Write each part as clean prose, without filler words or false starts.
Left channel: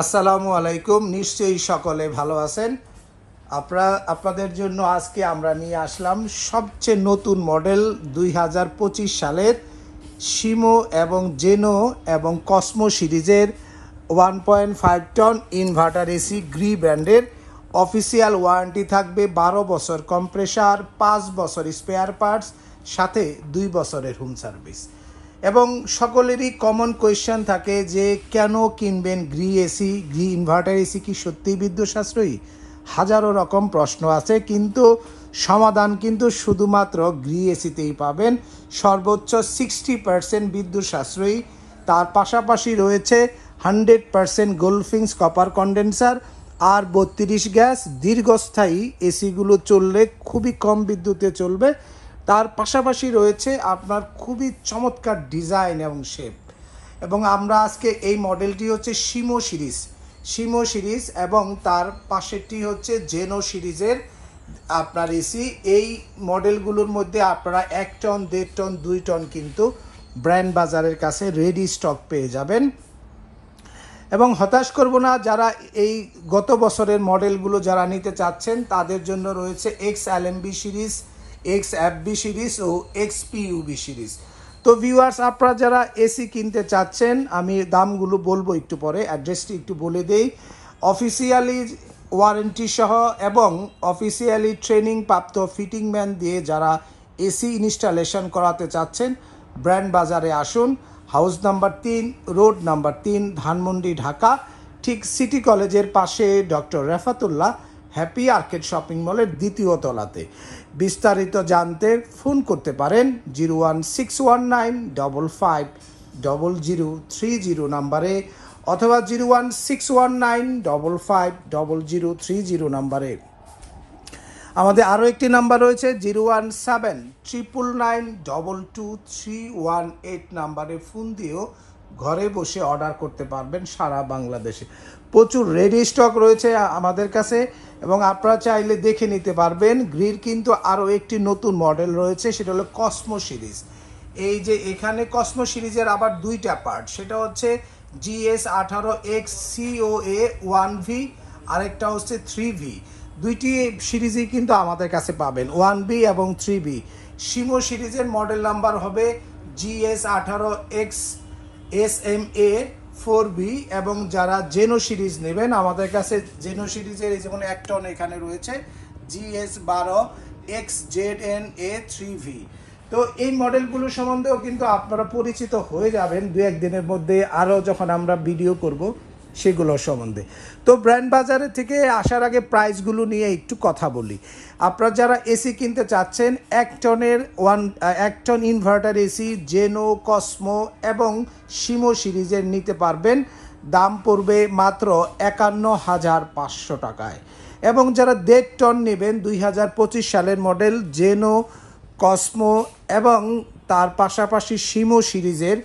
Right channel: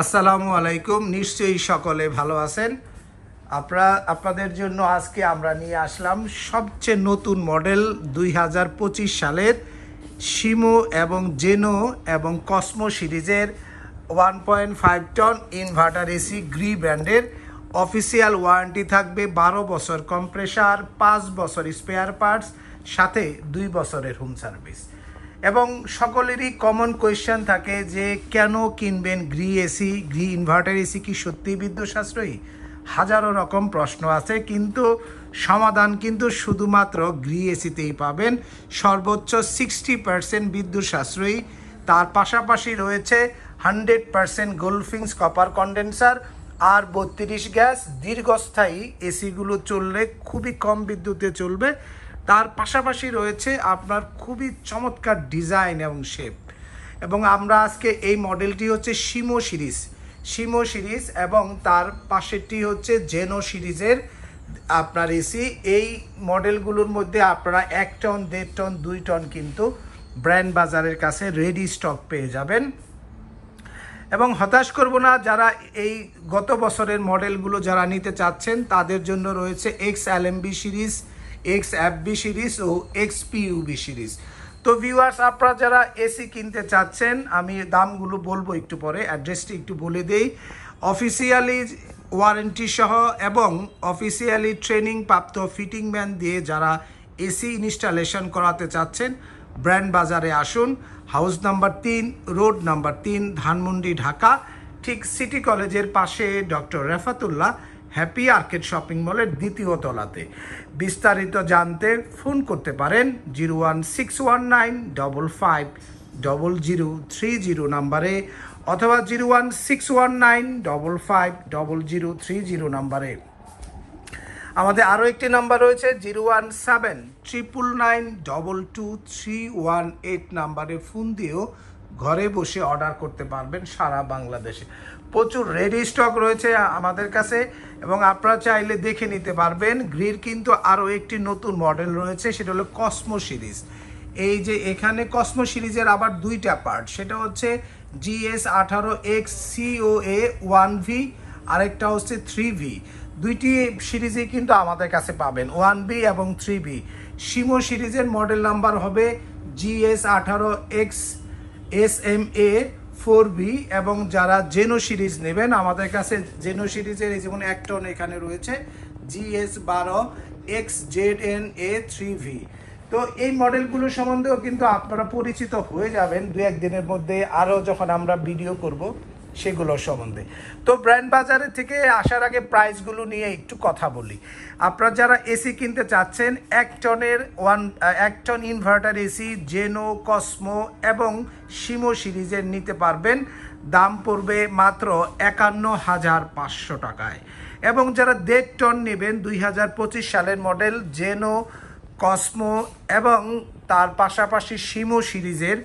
আসসালামু আলাইকুম। নিশ্চয়ই সকলে ভালো আছেন। আপনাদের জন্য আজকে আমরা নিয়ে আসলাম সবচেয়ে নতুন মডেল 2025 সালের শিমো এবং জেনো এবং কসমো সিরিজের 1.5 টন ইনভার্টার এসি গ্রি ব্র্যান্ডের। অফিসিয়াল ওয়ারেন্টি থাকবে 12 বছর কম্প্রেসার, 5 বছর স্পেয়ার পার্টস, সাথে 2 বছরের হোম সার্ভিস। এবং সকলেরই কমন কোয়েশ্চেন থাকে যে কেন কিনবেন Gree AC, Gree inverter AC কি সত্যিই বিদ্যুৎ সাশ্রয়ী? হাজারো রকম প্রশ্ন আছে, কিন্তু সমাধান কিন্তু শুধুমাত্র গ্রি এসিতেই পাবেন। সর্বোচ্চ 60% বিদ্যুৎ সাশ্রয়ী, তার পাশাপাশি রয়েছে 100% গোল্ডফিংস কপার কন্ডেন্সার আর 32 গ্যাস। দীর্ঘস্থায়ী এসিগুলো চললে খুবই কম বিদ্যুতে চলবে। তার পাশাপাশি রয়েছে আপনার খুবই চমৎকার ডিজাইন এবং শেপ। এবং আমরা আজকে এই মডেলটি হচ্ছে শিমো সিরিজ এবং তার পাশেরটি হচ্ছে জেনো সিরিজের আপনার এসি। এই মডেলগুলোর মধ্যে আপনারা 1 টন, 1.5 টন, 2 টন কিন্তু ব্র্যান্ড বাজারের কাছে রেডি স্টক পেয়ে যাবেন। এবং হতাশ করব না, যারা এই গত বছরের মডেলগুলো যারা নিতে চাচ্ছেন তাদের জন্য রয়েছে XLMB সিরিজ, XFB সিরিজ ও XPUB সিরিজ। তো ভিউয়ার্স, আপনারা যারা এসি কিনতে চাচ্ছেন, আমি দামগুলো বলবো একটু পরে, অ্যাড্রেসটি একটু বলে দেই। অফিসিয়ালি ওয়ারেন্টি সহ এবং অফিসিয়ালি ট্রেনিং প্রাপ্ত ফিটিং ম্যান দিয়ে যারা এসি ইনস্টলেশন করাতে চাচ্ছেন, ব্র্যান্ড বাজারে আসুন। House number 3, road number 3, Dhanmondi, Dhaka, ঠিক সিটি কলেজের পাশে doctor Refatullah happy arcade shopping মলের 2য় তলাতে। বিস্তারিত জানতে ফোন করতে পারেন 01619550030 নাম্বারে অথবা 01619550030 নাম্বারে। আমাদের আরও একটি নাম্বার রয়েছে 01799922318 নাম্বারে ফোন দিয়েও ঘরে বসে অর্ডার করতে পারবেন সারা বাংলাদেশে। প্রচুর রেডি স্টক রয়েছে আমাদের কাছে এবং আপনারা চাইলে দেখে নিতে পারবেন। গ্রির কিন্তু আরও একটি নতুন মডেল রয়েছে, সেটা হলো কসমো সিরিজ। এই যে এখানে কসমো সিরিজের আবার 2টা পার্ট, সেটা হচ্ছে GS18X COA 1V, আরেকটা হচ্ছে 3V। দুইটি সিরিজই কিন্তু আমাদের কাছে পাবেন, 1B এবং 3B। শিমো সিরিজের মডেল নাম্বার হবে GS18X SMA 4B। এবং যারা জেনো সিরিজ নেবেন, আমাদের কাছে জেনো সিরিজের এই যেমন 1 টন এখানে রয়েছে GS12X ZNA 3V। তো এই মডেলগুলো সম্বন্ধেও কিন্তু আপনারা পরিচিত হয়ে যাবেন 2-1 দিনের মধ্যে, আরও যখন আমরা ভিডিও করব সেগুলোর সম্বন্ধে। তো ব্র্যান্ড বাজারে থেকে আসার আগে প্রাইসগুলো নিয়ে একটু কথা বলি। আপনারা যারা এসি কিনতে চাচ্ছেন, 1 টন ইনভার্টার এসি জেনো, কসমো এবং শিমো সিরিজের নিতে পারবেন। দাম পড়বে মাত্র 51,500 টাকায়। এবং যারা 1.5 টন নেবেন, 2025 সালের মডেল জেনো, কসমো এবং তার পাশাপাশি শিমো সিরিজের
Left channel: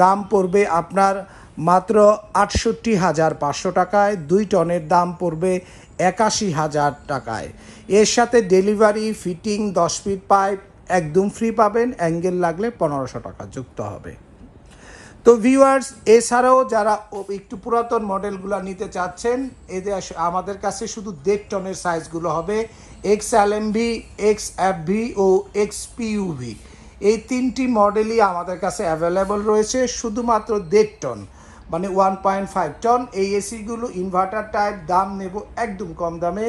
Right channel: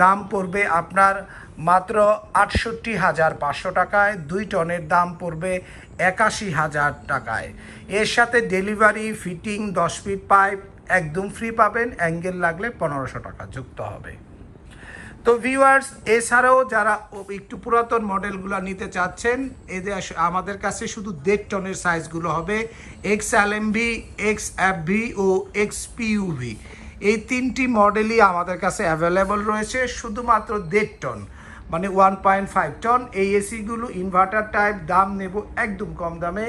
দাম পড়বে আপনার মাত্র 68,500 টাকায়। 2 টনের দাম পড়বে 81,000 টাকায়। এর সাথে ডেলিভারি, ফিটিং, 10 ফিট পাইপ একদম ফ্রি পাবেন। অ্যাঙ্গেল লাগলে 1500 টাকা যুক্ত হবে। তো ভিউয়ার্স, এছাড়াও যারা একটু পুরাতন মডেলগুলো নিতে চাচ্ছেন, এদের আমাদের কাছে শুধু 1.5 টনের সাইজগুলো হবে XLMB, XFB ও XPUB। এই 3টি মডেলই আমাদের কাছে অ্যাভেলেবল রয়েছে। শুধুমাত্র 1.5 টন মানে 1.5 টন এই এসিগুলো ইনভার্টার টাইপ দাম নেব একদম কম দামে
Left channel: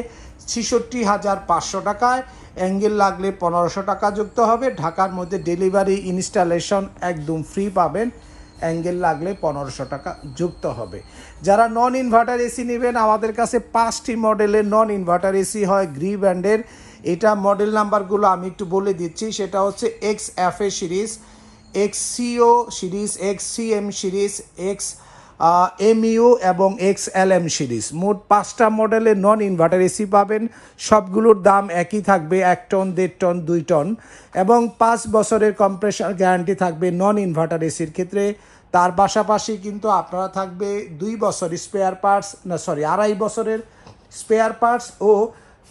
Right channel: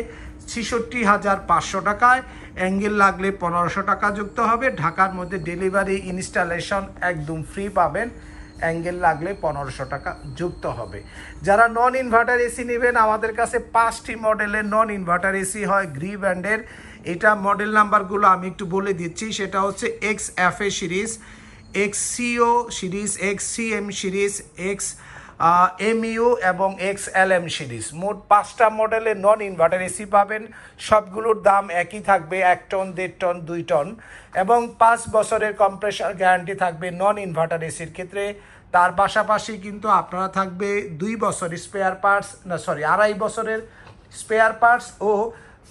66,500 টাকায়। অ্যাঙ্গেল লাগলে 1500 টাকা যুক্ত হবে। ঢাকার মধ্যে ডেলিভারি, ইনস্টলেশন একদম ফ্রি পাবেন। অ্যাঙ্গেল লাগলে 1500 টাকা যুক্ত হবে। যারা নন ইনভার্টার এসি নেবেন, আমাদের কাছে 5টি মডেলের নন ইনভার্টার এসি হয় গ্রি ব্র্যান্ডের। এটা মডেল নাম্বারগুলো আমি একটু বলে দিচ্ছি। সেটা হচ্ছে XFA series, XCO series, XCM series, XMU এবং XLM সিরিজ। মোট 5টা মডেলের নন ইনভার্টার এসি পাবেন। সবগুলোর দাম একই থাকবে, 1 টন, 1.5 টন, 2 টন এবং 5 বছরের কম্প্রেসার গ্যারান্টি থাকবে নন ইনভার্টার এসির ক্ষেত্রে। তার পাশাপাশি কিন্তু আপনারা থাকবে 2 বছর স্পেয়ার পার্টস, 2.5 বছরের স্পেয়ার পার্টস ও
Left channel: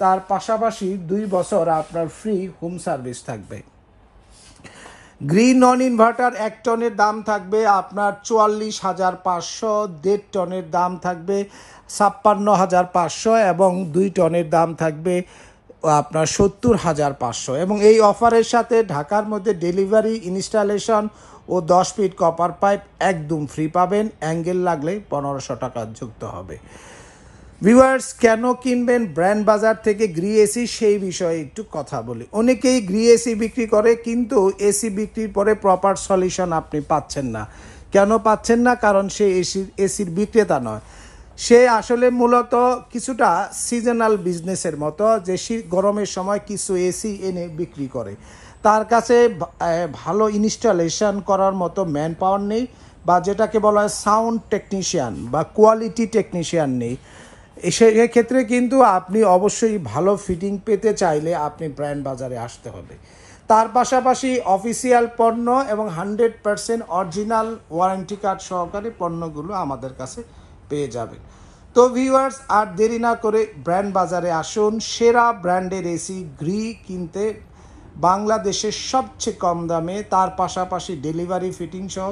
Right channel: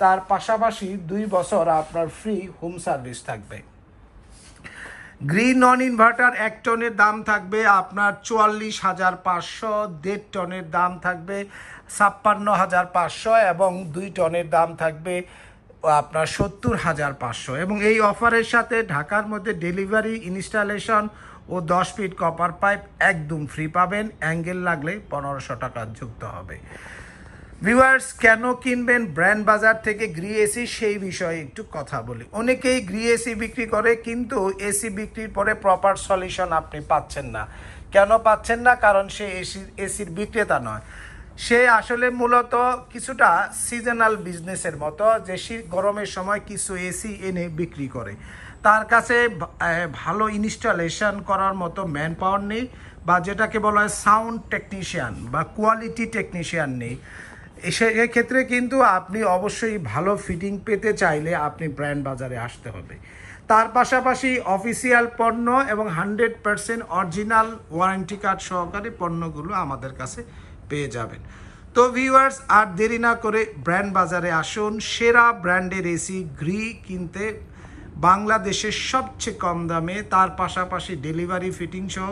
তার পাশাপাশি 2 বছর আপনার ফ্রি হোম সার্ভিস থাকবে। গ্রিন নন ইনভার্টার 1 টনের দাম থাকবে আপনার 44,500, 1.5 টনের দাম থাকবে 56,500 এবং 2 টনের দাম থাকবে আপনার 70,500। এবং এই অফারের সাথে ঢাকার মধ্যে ডেলিভারি, ইনস্টলেশন ও 10 ফিট কপার পাইপ একদম ফ্রি পাবেন। অ্যাঙ্গেল লাগলে 1500 টাকা যুক্ত হবে। ভিউয়ার্স, কেন কিনবেন ব্র্যান্ড বাজার থেকে গ্রি এসি সেই বিষয়ে একটু কথা বলি। অনেকেই গ্রি এসি বিক্রি করে, কিন্তু এসি বিক্রির পরে প্রপার সলিউশন আপনি পাচ্ছেন না। কেন পাচ্ছেন না? কারণ সে এসির বিক্রেতা নয়, সে আসলে মূলত কিছুটা সিজনাল বিজনেসের মতো, যে গরমের সময় কিছু এসি এনে বিক্রি করে। তার কাছে ভালো ইনস্টলেশন করার মতো ম্যান পাওয়ার নেই, বা যেটাকে বলা হয় সাউন্ড টেকনিশিয়ান বা কোয়ালিটি টেকনিশিয়ান নেই। সেক্ষেত্রে কিন্তু আপনি অবশ্যই ভালো ফিটিং পেতে চাইলে আপনি ব্র্যান্ড বাজারে আসতে হবে। তার পাশাপাশি অফিসিয়াল পণ্য এবং 100% অরিজিনাল ওয়ারেন্টি কার্ড সহকারে পণ্যগুলো আমাদের কাছে পেয়ে যাবেন। তো ভিউয়ার্স, আর দেরি না করে ব্র্যান্ড বাজারে আসুন। সেরা ব্র্যান্ডের এসি গ্রি কিনতে বাংলাদেশের সবচেয়ে কম দামে, তার পাশাপাশি ডেলিভারি, ফিটিং সহ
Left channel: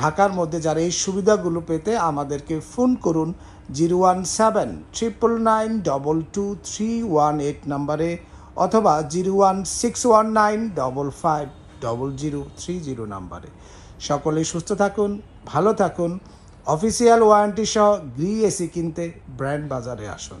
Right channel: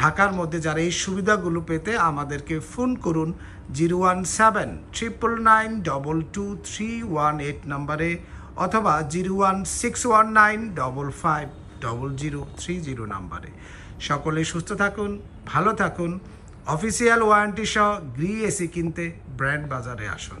ঢাকার মধ্যে যারা এই সুবিধাগুলো পেতে আমাদেরকে ফোন করুন 01799922318 নম্বরে, অথবা 01619550030 নম্বরে। সকলেই সুস্থ থাকুন, ভালো থাকুন। অফিসিয়াল ওয়ারেন্টি সহ গ্রি এসি কিনতে ব্র্যান্ড বাজারে আসুন।